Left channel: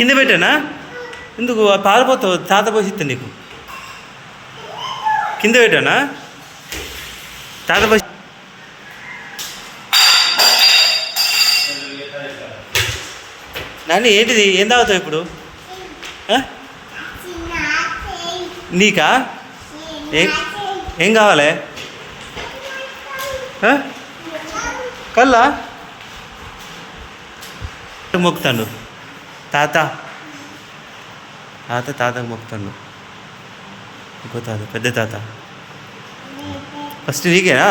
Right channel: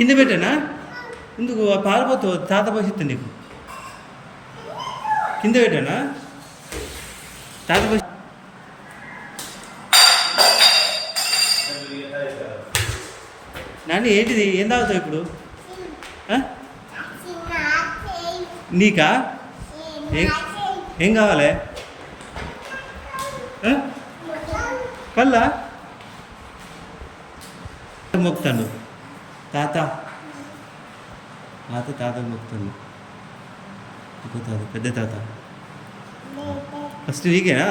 కింద పెట్టానా? ఎందుకు పారిపోతావు? తాత పోసిస్తా నీకు. కింద పెట్టానా? తాత పోసి నాని ఏంటిది? ఏం తాగుతావు ఇప్పుడు? నీకా? ఏం కావాలి? కల్లా మొక్కుతాడు తాత. తాతకు మొక్కుతాడు. ఇంకో తాత, పెద్ద తాత. ఫస్ట్ నీకేనా?